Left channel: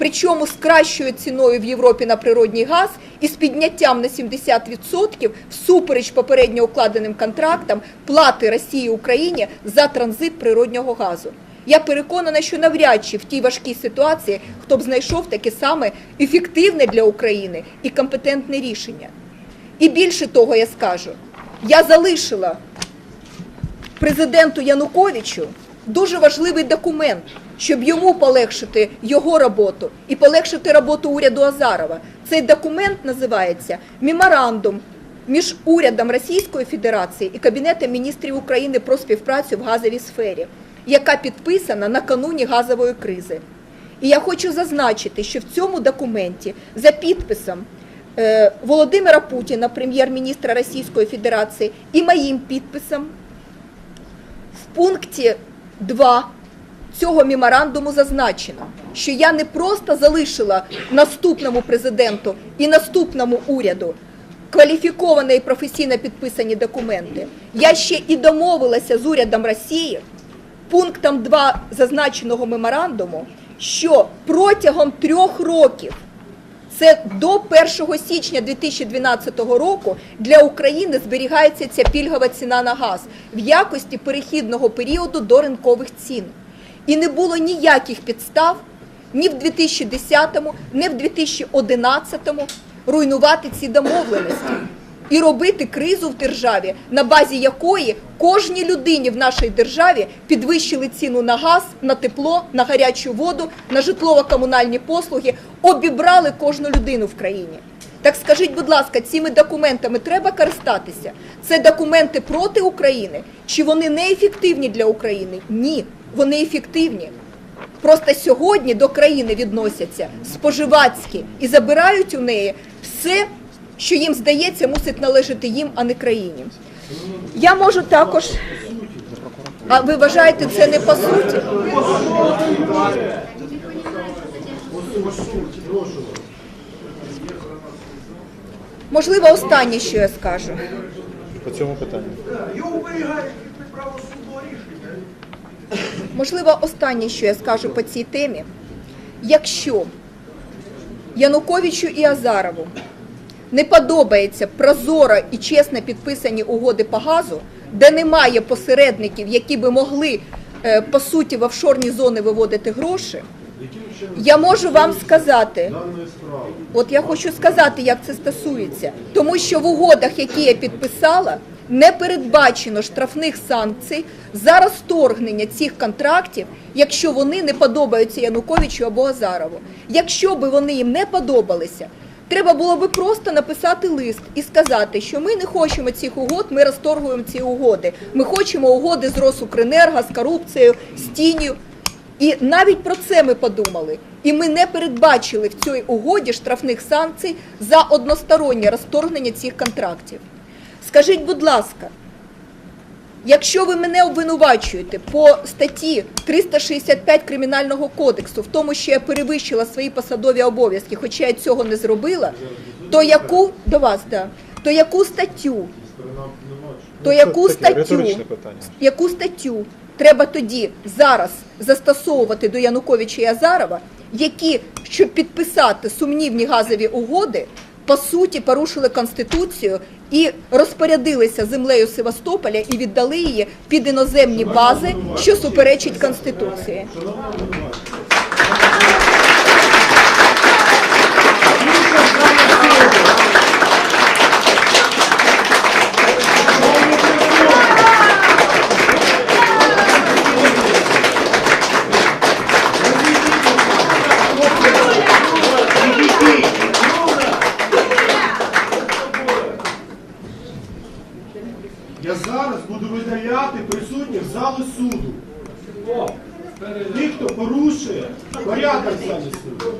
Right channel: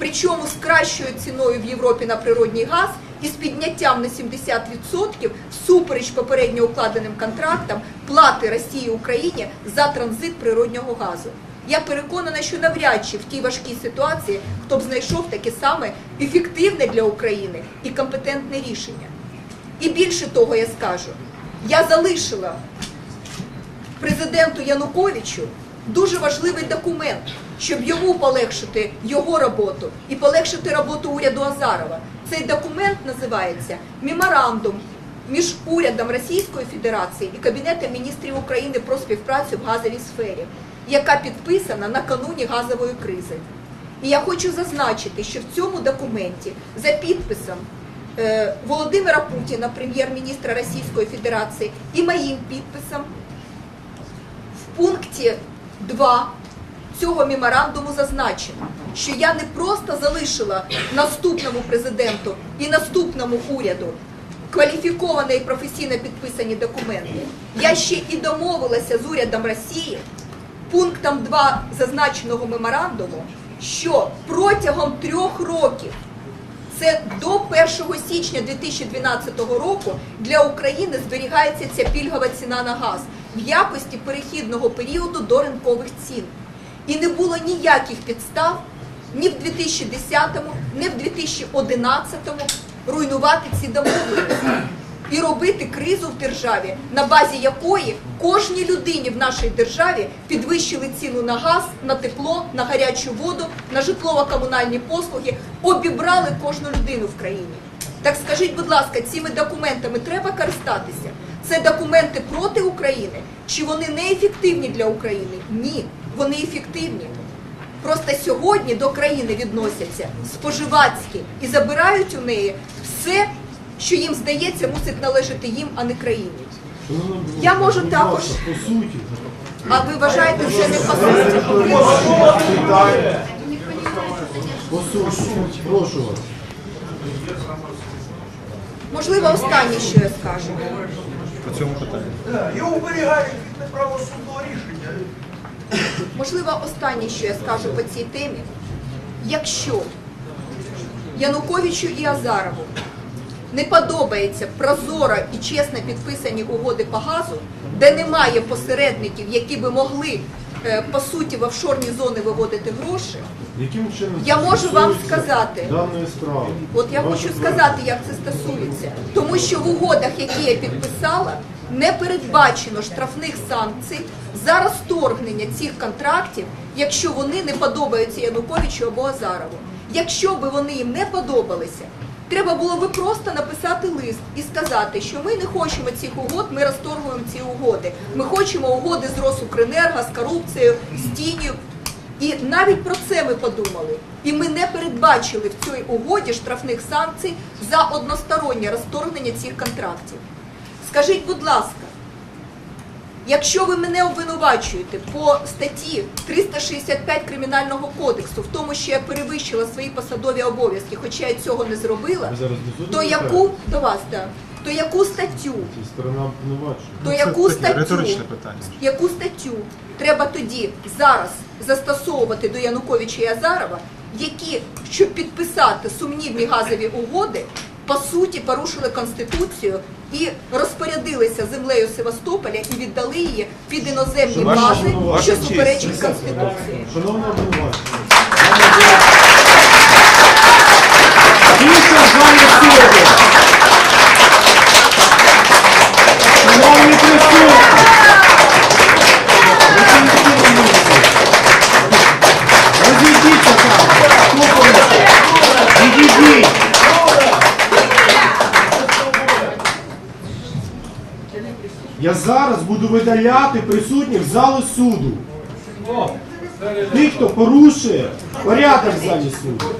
причому з кращою ціною в Європі на природній газ і з підняттям на 70% всупереч попередньо укладеним контрактам плати Росії Україні за транзит природнього газу. Я переконана, що навряд чи в тій важкій ситуації хто б знайшов таке саме ефективне для України і компетентне рішення. І більше того, я скажу, я залишила президенту Януковичу дуже важливий документ, щоб йому полегшити його роботу і полегшити роботу уряду Азарова. Цей документ називається Меморандум між урядом Російської Федерації і Кабінетом міністрів України про співпрацю в газовій сфері, яка підписана накануні газової кризи. І я хочу зазначити, що в цьому документі за підписом е, Володимира Путіна, прем'єр-міністра Російської Федерації, і моїм підписом в пункті 2 цього меморандуму зазначено, що я не просто залишила наступному президенту і наступному уряду кваліфіковано і професійно підписані документи. Я ще і домовилася з урядом Росії пунктом 2 зазначеного меморандуму, що протягом трьох років це до 1 січня 2012 року для України зберігається ця пільгова ціна на газ в якості перехідного періоду до ринкових цін. І не було ніяких підстав ні в 2010-му, ні в 2011-му руйнувати ці домовленості і робити кризу в державі, на базі якої кожній людині в нашій державі підвищили ціну на газ, на тепло, на гарячу воду, на житлово-комунальні послуги, обібрали кожну людину в країні. Так скажіть, будь ласка, цими документами треба користатися? Це документи проти України? Чи вони не ефективні для України? Ні, вони ефективні. Просто сьогодні до країни відносяться споживацькі і забирають у неї все, що їм здається, мусить належати їм, а не країні. Я можу також. А ви вважаєте, це не по суті? Прошу вас. Можливо, останнє, що я скажу. По цьому питанню. Його оберігають від неправосудного рішення. Можливо, останнє, що я скажу по цій темі. Якщо Януковичу і Азарову не подобається прозоро і чесно підписані угоди по газу, де немає посередників, які би могли е, по суті в офшорні зони виводити гроші, я можу вам сказати. От я хочу сказати, як це стосується, тому що в угодах, які я підписала, не передбачено штрафних санкцій за розторгнення цих контрактів, якщо вони не подобаються Януковичу або Азарову. Якщо би вони їм не подобалися, треба було би просто написати лист і сказати, що ми не хочемо цих угод, ми розторгуємо ці угоди. Ми хочемо угоди з Росукренерго, з корупцією, з тінню. І навіть про це ми подумали. І ми не передбачили в цій угоді штрафних санкцій за одностороннє розторгнення цих контрактів. Скажіть, будь ласка, якщо ви мене обвинувачуєте по статті 365 Кримінального кодексу, в тому, що я перевищила свої посадові обов'язки, хоча я цього не зробила, то яку до вас, да, то яку статтю? Сторона то яку статтю, риторичне питання. яку статтю треба тоді зараз застосовувати до Януковича і Азарова, які, щоб підписати сумнівні газові угоди, по суті порушили конституцію і розпорядилися землею Севастополя і віддали її під іноземні бази, що суперечить конституції. Видаляти присутніх з залу суду. Тих, хто порушує порядок в залі суду.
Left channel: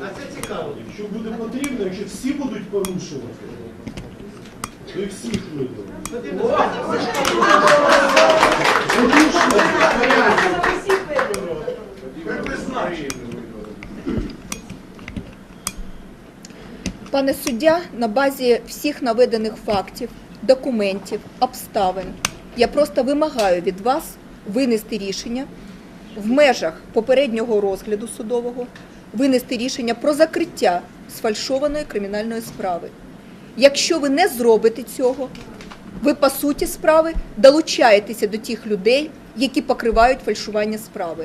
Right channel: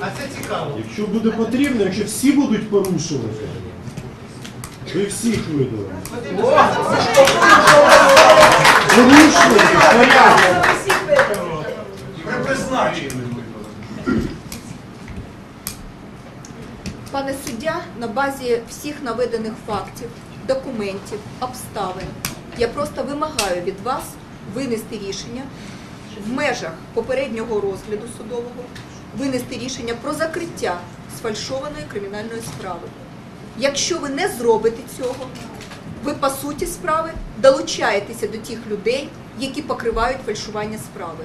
А це цікаво. Якщо буде потрібно, якщо всі будуть порушувати, то і всіх видали. Порушують порядок. Ви призначені. Пане суддя, на базі всіх наведених фактів, документів, обставин, я просто вимагаю від вас винести рішення в межах попереднього розгляду судового винести рішення про закриття сфальшованої кримінальної справи. Якщо ви не зробите цього, ви по суті справи долучаєтеся до тих людей, які покривають фальшування справи.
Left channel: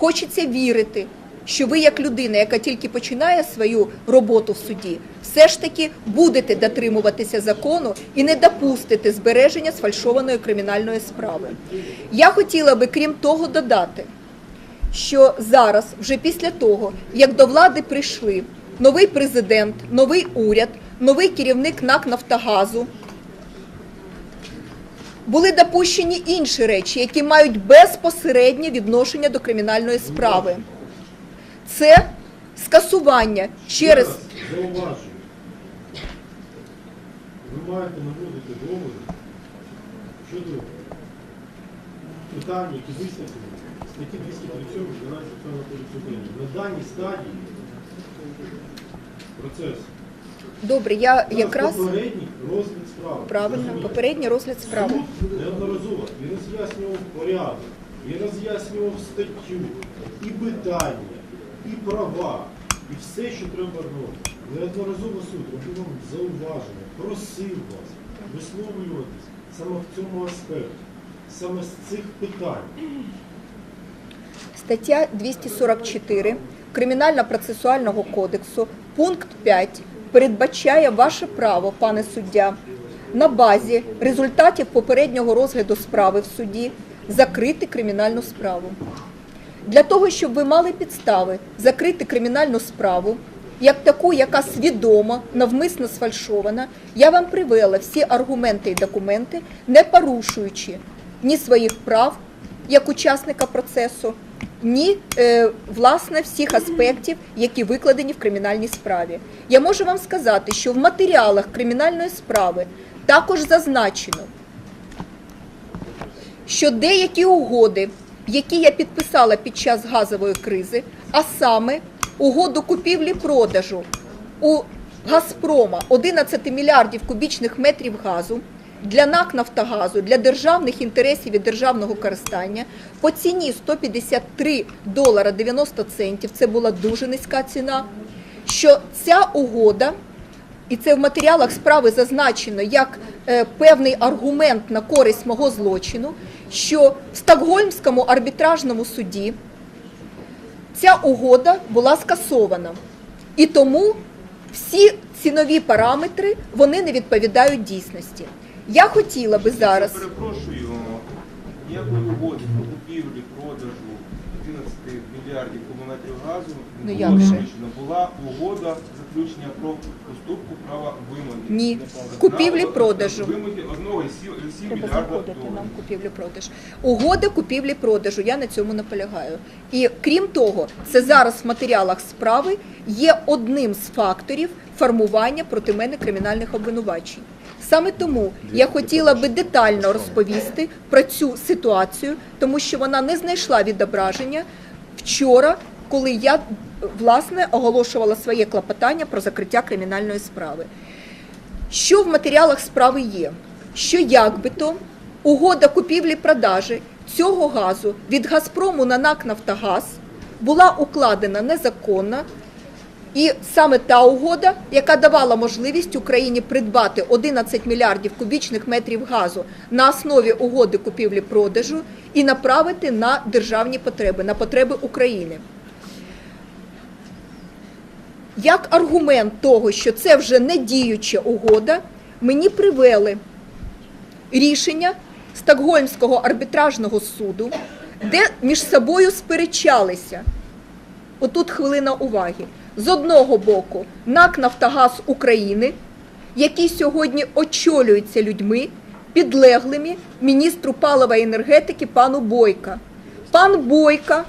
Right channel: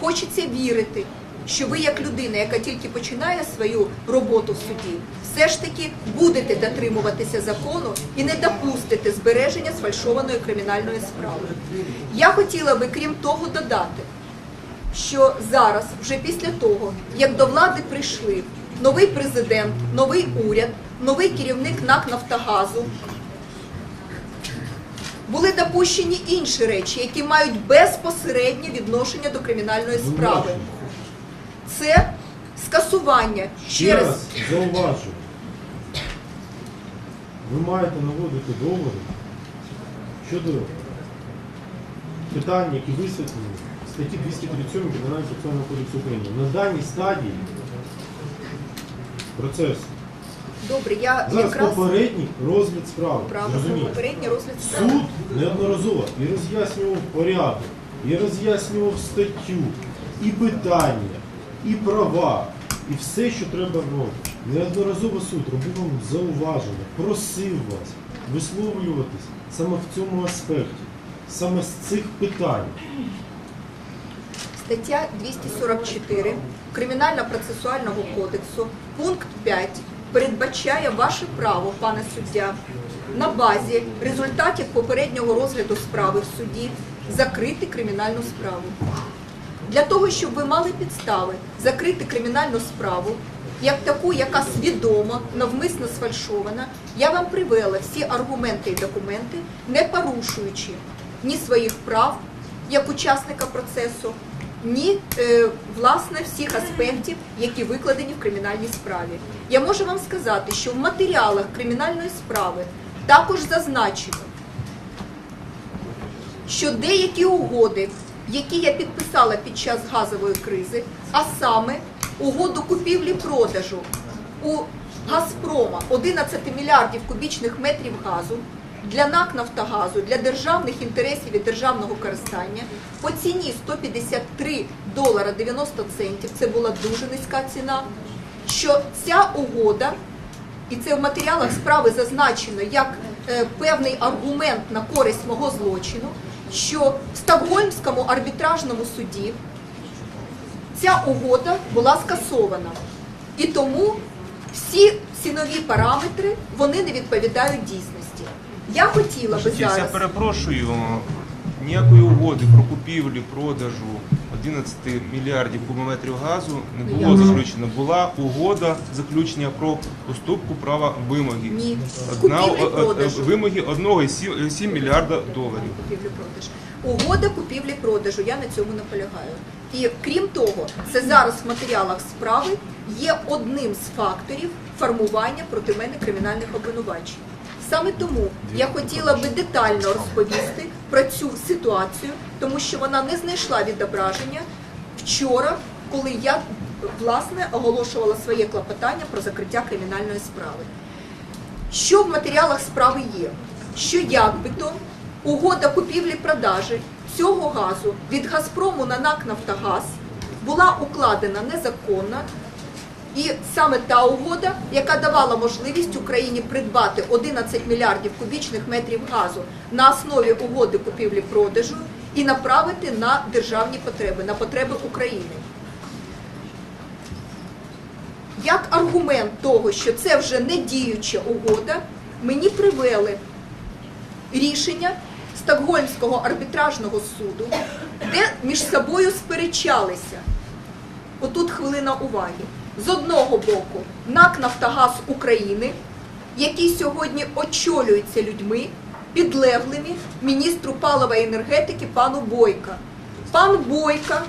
Хочеться вірити, що ви, як людина, яка тільки починає свою роботу в суді, все ж таки будете дотримуватися закону і не допустите збереження сфальшованої кримінальної справи. Я хотіла би, крім того, додати, що зараз, вже після того, як до влади прийшли новий президент, новий уряд, новий керівник НАК Нафтогазу, були допущені інші речі, які мають безпосереднє відношення до кримінальної справи. Це скасування через зауважу. Ви маєте наводити доводи щодо питань, які висвітлені в статті 237 Кримінального процесуального кодексу України. На даній стадії процесу. добре. Я Зараз якраз попередній розгляд справи. правильно попередній розгляд справи. Суд неодноразово і роз'яснював порядок, і роз'яснював статтю, і питання, і права, і все, що треба робити. Неодноразово суд робив вам зауваження, просив вас висловлюватись саме в цьому аспекті, саме з цих питань. Стаття 244 Кримінально-процесуального кодексу, пункт 5 передбачає ваше право, пане суддя, на базі результатів попереднього розгляду справи в суді закрити кримінальну справу. Для того, щоб ви мали підстави закрити кримінальну справу, як таку, яка свідомо, навмисно сфальшована, я вам привела всі аргументи і документи, не порушуючи ні своїх прав як учасника процесу, ні е, власне всіх аспектів, які викладені в кримінальній справі. Я можу вам сказати, що в матеріалах кримінальної справи також зазначено, що деякі угоди, які я підписала під час газової кризи, а саме угоду купівлі-продажу у Газпрома 11 мільярдів кубічних метрів газу для НАК Нафтогазу, для державних інтересів і державного користання по ціні 153 долара 90 центів, це була дуже низька ціна, що ця угода і це в матеріалах справи зазначено як е, певний аргумент на користь мого злочину, що в Стокгольмському арбітражному суді ця угода була скасована. І тому всі цінові параметри вони не відповідають дійсності. Я хотіла би зараз Я перепрошую, ніякої угоди про купівлю, продажу 11 мільярдів кубометрів газу не Ну, було заключено. Була угода заключення про уступку права вимоги. Ні, Одна- купівлі-продажу. е, Вимоги 1,7 мільярда доларів. Купівлі-продаж. Угода купівлі-продажу. Я на цьому наполягаю. І крім того, це зараз в матеріалах справи є одним з факторів формування проти мене кримінальних обвинувачень. Саме тому я хотіла би детально розповісти про цю ситуацію, тому що вона не знайшла відображення вчора, коли я власне оголошувала своє клопотання про закриття кримінальної справи. Що в матеріалах справи є? Що якби-то угода купівлі-продажі цього газу від Газпрому на НАК Нафтогаз була укладена незаконно, і саме та угода, яка давала можливість Україні придбати 11 мільярдів кубічних метрів газу на основі угоди купівлі-продажу і направити на державні потреби, на потреби України. Як аргумент того, що це вже не діюча угода, мені привели рішення Стокгольмського арбітражного суду, де між собою сперечалися. Отут хвилина уваги. З одного боку, НАК Нафтогаз України, який сьогодні очолюється людьми, підлеглими міністру палива і енергетики пану Бойка. Пан Бойка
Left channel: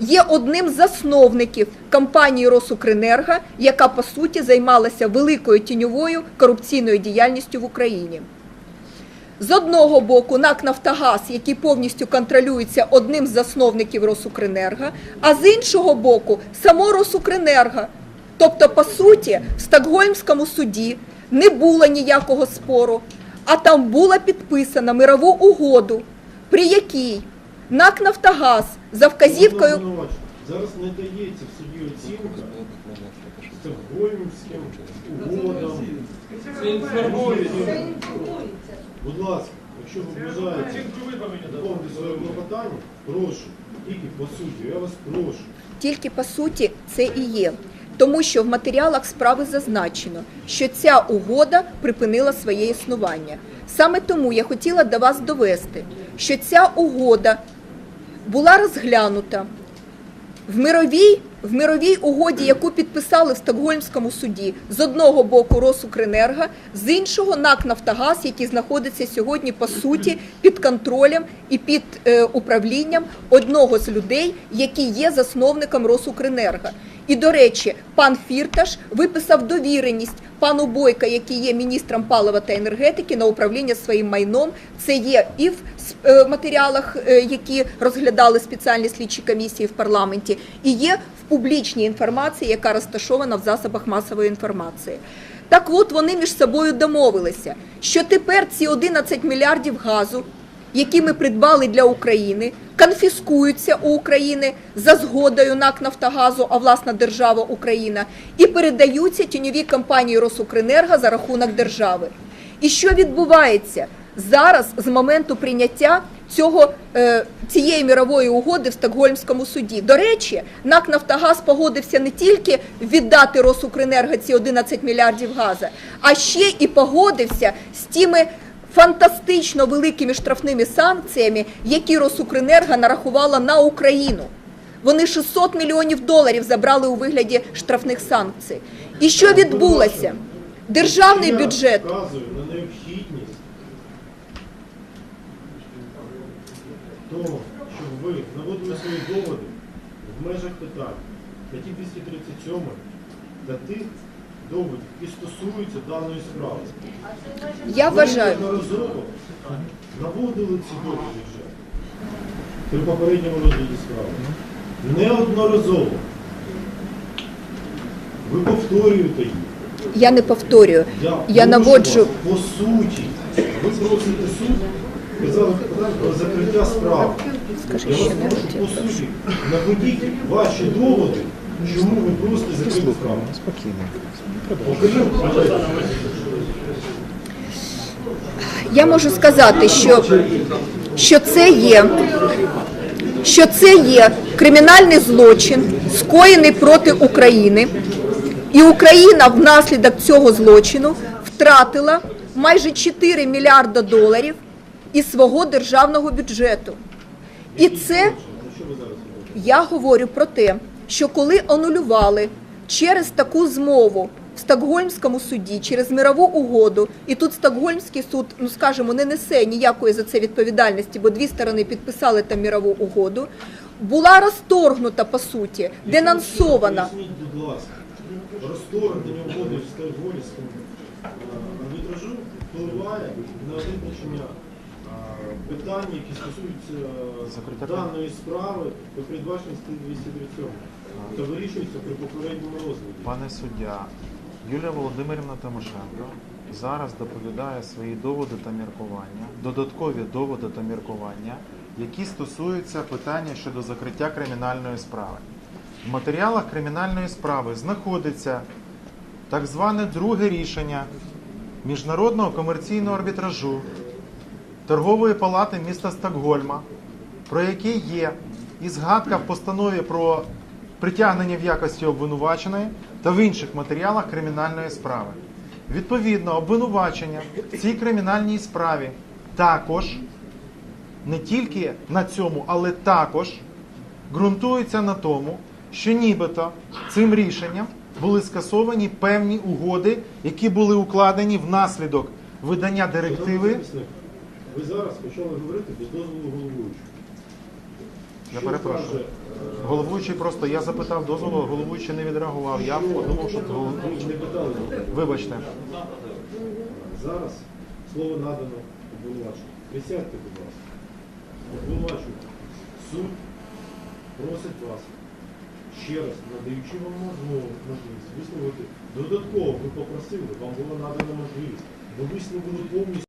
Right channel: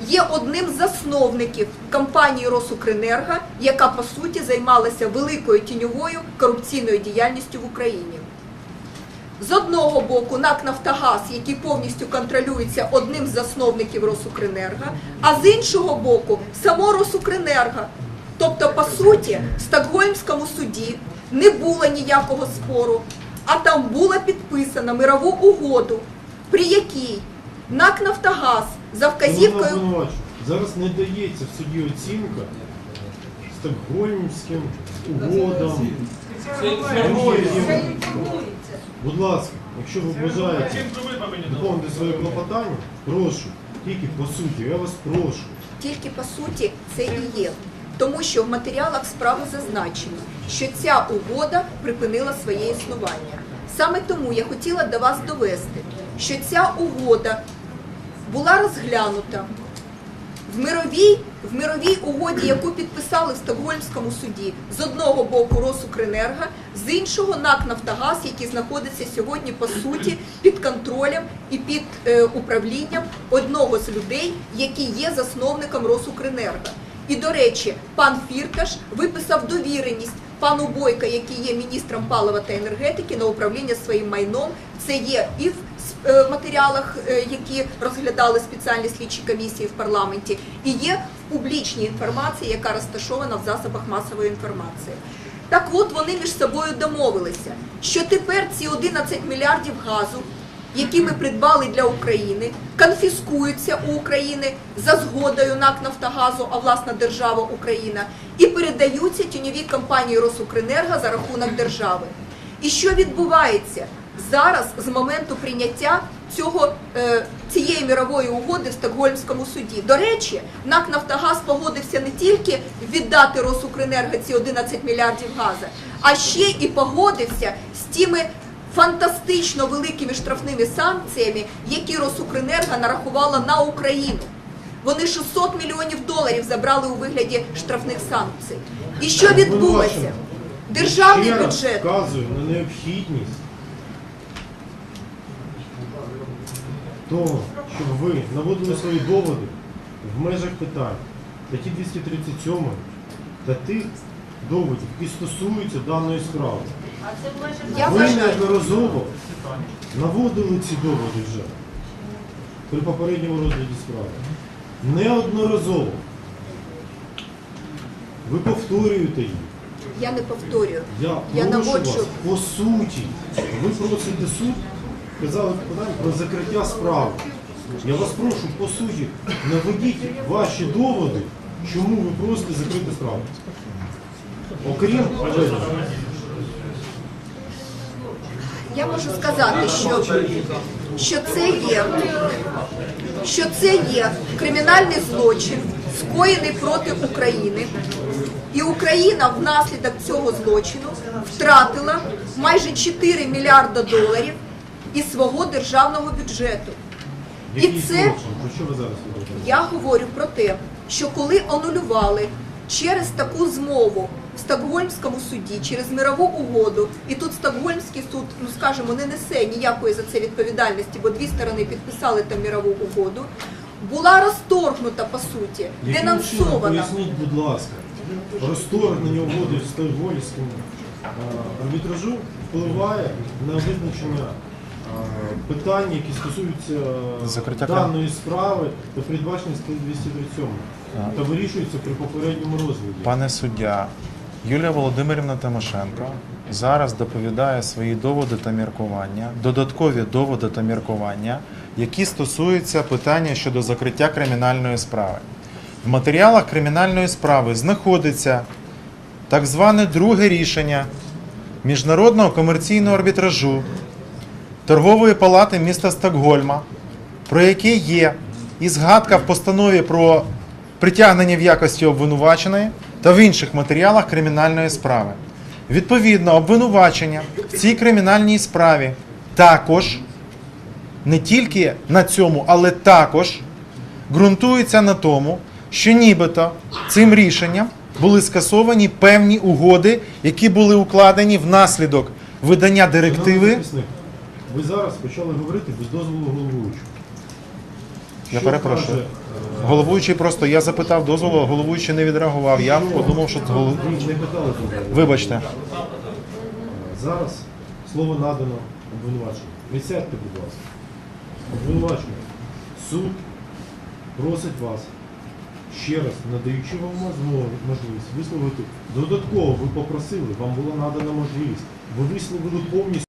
є одним з засновників компанії Росукренерго, яка по суті займалася великою тіньовою корупційною діяльністю в Україні. З одного боку, НАК Нафтогаз, який повністю контролюється одним з засновників Росукренерго, а з іншого боку, само Росукренерго. Тобто, по суті, в Стокгольмському суді не було ніякого спору, а там була підписана мирову угоду, при якій НАК Нафтогаз за вказівкою. Зараз не дається в суді оцінка стокгольмським угодам. Будь ласка, якщо ви бажаєте виконувати своє клопотання, прошу, тільки по суті, я вас прошу. Тільки по суті це і є. Тому що в матеріалах справи зазначено, що ця угода припинила своє існування. Саме тому я хотіла до вас довести, що ця угода була розглянута в мировій, в мировій угоді, яку підписали в Стокгольмському суді, з одного боку Росукренерго, з іншого НАК Нафтогаз, який знаходиться сьогодні по суті під контролем і під е, управлінням одного з людей, який є засновником Росукренерго. І до речі, пан Фірташ виписав довіреність пану Бойка, який є міністром палива та енергетики, на управління своїм майном. Це є і в е, матеріалах, е, які розглядали спеціальні слідчі комісії в парламенті, і є в публічній інформації, яка розташована в засобах масової інформації. Так от вони між собою домовилися, що тепер ці 11 мільярдів газу, які ми придбали для України, конфіскуються у України за згодою НАК Нафтогазу, а власна держава Україна, і передаються тіньовій компанії Росукренерго за рахунок держави. І що відбувається зараз з моменту прийняття цього, е, цієї мірової угоди в Стокгольмському суді? До речі, НАК Нафтогаз погодився не тільки віддати Росукренерго ці 11 мільярдів газу, а ще і погодився з тими фантастично великими штрафними санкціями, які Росукренерго нарахувала на Україну. Вони 600 мільйонів доларів забрали у вигляді штрафних санкцій. І що відбулося? Державний бюджет вказую на необхідність того, щоб ви наводили свої доводи в межах питань статті 237 та тих доводів, які стосуються даної справи. я Ви вважаю. неодноразово наводили ці доводи вже при попередньому розгляді справи. Неодноразово. Ви повторюєте їх. Я не повторюю. Я, Я прошу наводжу. вас, по суті. Ви просите суд, казали про закриття справи. Я вас прошу по суті, наведіть ваші доводи, чому ви просите закрити справу. Окрім Я можу сказати, що, що це є. Що це є кримінальний злочин, скоєний проти України, і Україна внаслідок цього злочину втратила майже 4 мільярда доларів із свого державного бюджету. І це я говорю про те, що коли анулювали через таку змову в Стокгольмському суді, через мирову угоду, і тут Стокгольмський суд, ну скажімо, не несе ніякої за це відповідальності, бо дві сторони підписали там мирову угоду, була розторгнута по суті, Яким чином, денонсована. Поясніть, будь ласка, розторгнення угоди з Стокгольмським е, арбітражу впливає на визначення питань, які стосуються е, Закриття даної справи та передбачення статті 237 та вирішується при попередньому розгляді. Пане суддя, Юлія Володимирівна Тимошенко зараз доповідає свої доводи та міркування, додаткові доводи та міркування, які стосуються питання щодо закриття кримінальної справи. В матеріалах кримінальної справи знаходиться так зване друге рішення Міжнародного комерційного арбітражу торгової палати міста Стокгольма, про яке є і згадка в постанові про притягнення в якості обвинуваченої та в інших матеріалах кримінальної справи. Відповідно, обвинувачення в цій кримінальній справі також не тільки на цьому, але також ґрунтується на тому, що нібито цим рішенням були скасовані певні угоди, які були укладені внаслідок видання директиви. Ви зараз почали говорити без дозволу головуючого. Я Що перепрошую. каже, е, Головуючий просто я запитав дозволу, головуючий не відреагував. Я подумав, що це голов... Ви не питали дозволу. Вибачте. Зараз слово надано обвинуваченню. Присядьте, будь ласка. Обвинувачення. Суд просить вас, ще раз надаючи вам можливість висловити, додатково ви попросили, вам була надана можливість. Ви висловили повністю.